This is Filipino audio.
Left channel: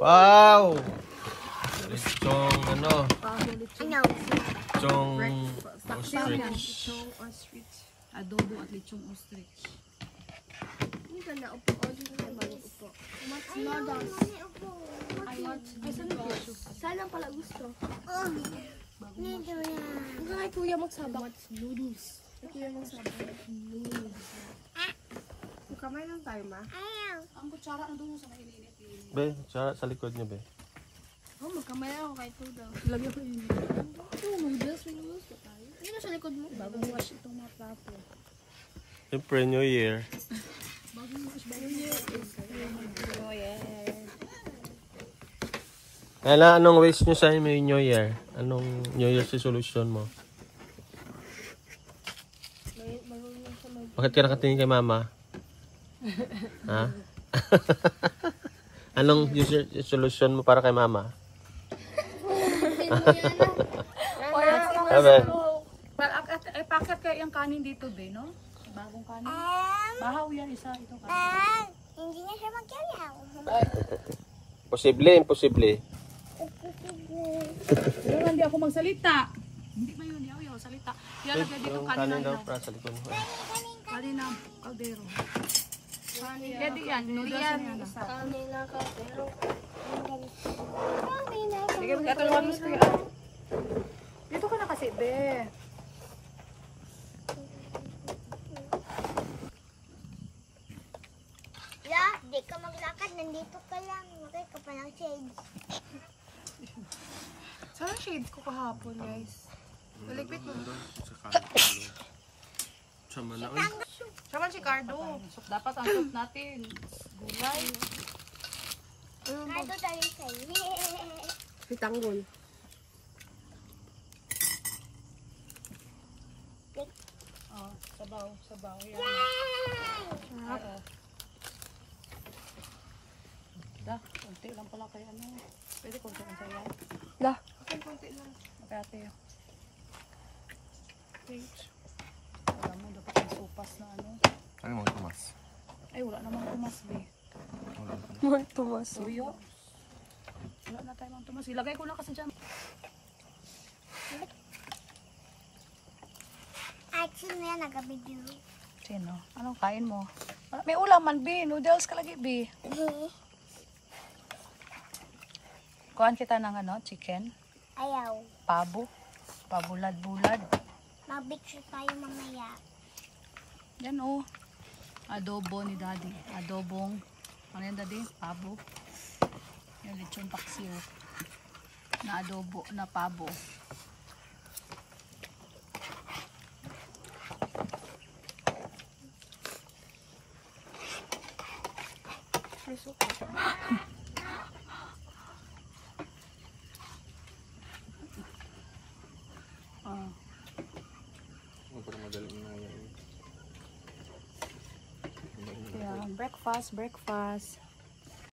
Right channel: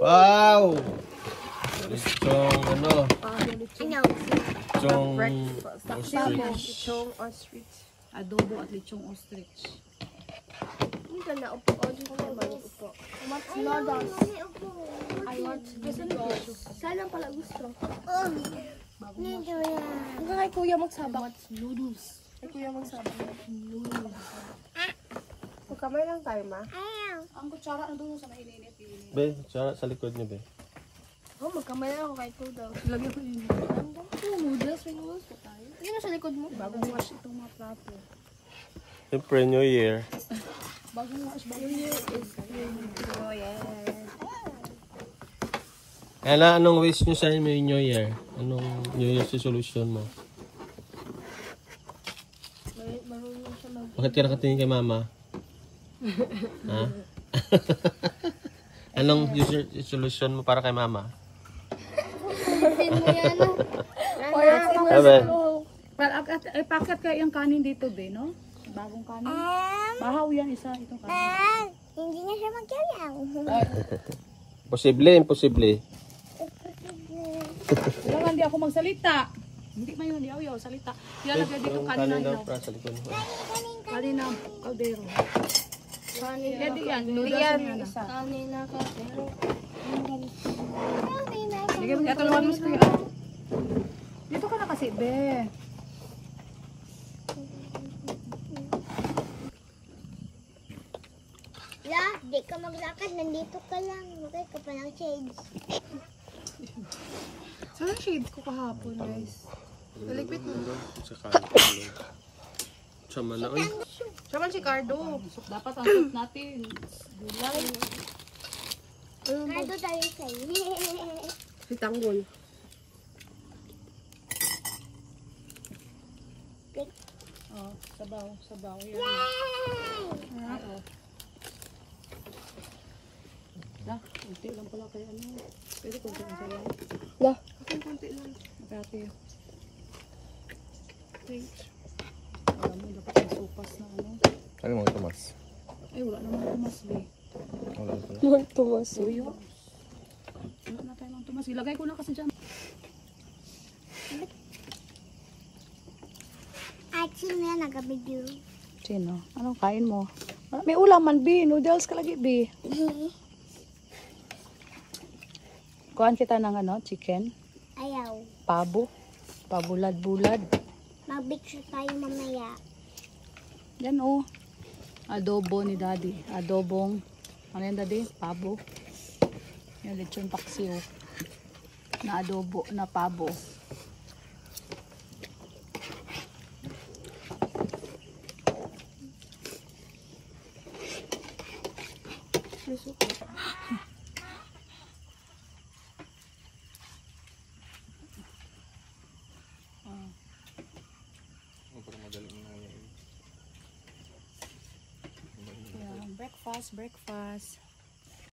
Wow! Lechong ano? Lechong ostrich. Lechong ostrich. Adobo at lechong ostrich. Hindi ka na upo. Upo. What's noodles? I want noodles. Saan pala gusto? Ang kay kuya magsabak. What's noodles? Kay kuya magsabak. Noodles. Magkamay lang tayo, ma. Ang kutsara na doon sa mainit. Be, sa likod niya, be. Oh, magkamay lang ako kay Tudo. Lagyan ko yun. Noodles pa tayo. Ano sa likod mo? Bagong wash itong mga plato. Siyempre, New Year. Bagong wash. New Year is New Year. Kaya anong ways nyo sa may New Year? Anong New Year resolution mo? Bakit ka nakatingin kay mama? Ha? Anong resolution mo para kay mama? Ano? Packet kayo yung kanin dito, be, no? Bagong kanin. Bahaw yan isa, itong kanin. Hindi na siya magkalaw. Posible, imposible. Wala, hindi ako magsalita. Hindi man yun, yaw-yaw, salita. Ilalagay dito kanin na daw ilaw. para sa likod mo. Kanin na kaldero. Pwede yan, noodles yan. Kanin na kaldero. Ito naman gusto yan. Dito ka na kasi, be. La, di ka maglakad. Nandito ka lang. Magay ka pa ng shades. Saan ang shades ko kahapon, guys? Naligpit mo. Sa kalong. Sama na. Uy. Siya man si Cardo. Dapat ang soup natin. Gulay. Kado tayo sa'yo. Si Tanggol. Oh, sabaw, sabaw. Yan. Sarap. Da, konti lang pala kayo ano. Pwede konti lang sa'yo. Da. Konti lang. Ate. Thanks. Alam mo, dapat may supas na ano. Ano mo, Tomas? Ay, wala naman tumas, be. Wala pala. Mga tumas. Suyo. Wala na tayo ng tumas. Ilagay ko na kasi dyan. At sino yan nag-video? Sino? Anong kain mo? May ulaman, be. Noodles ka lagi, be. Kuhaan kita ng ano, chicken. Ayaw. Pabo. Pabulad-bulad. Mag-picture tayo mamaya. Yan oh. Adobo ni daddy. Adobong. Ano yan daddy? Pabo. Yung lechon paksiw. Na adobo, na pabo. Breakfast.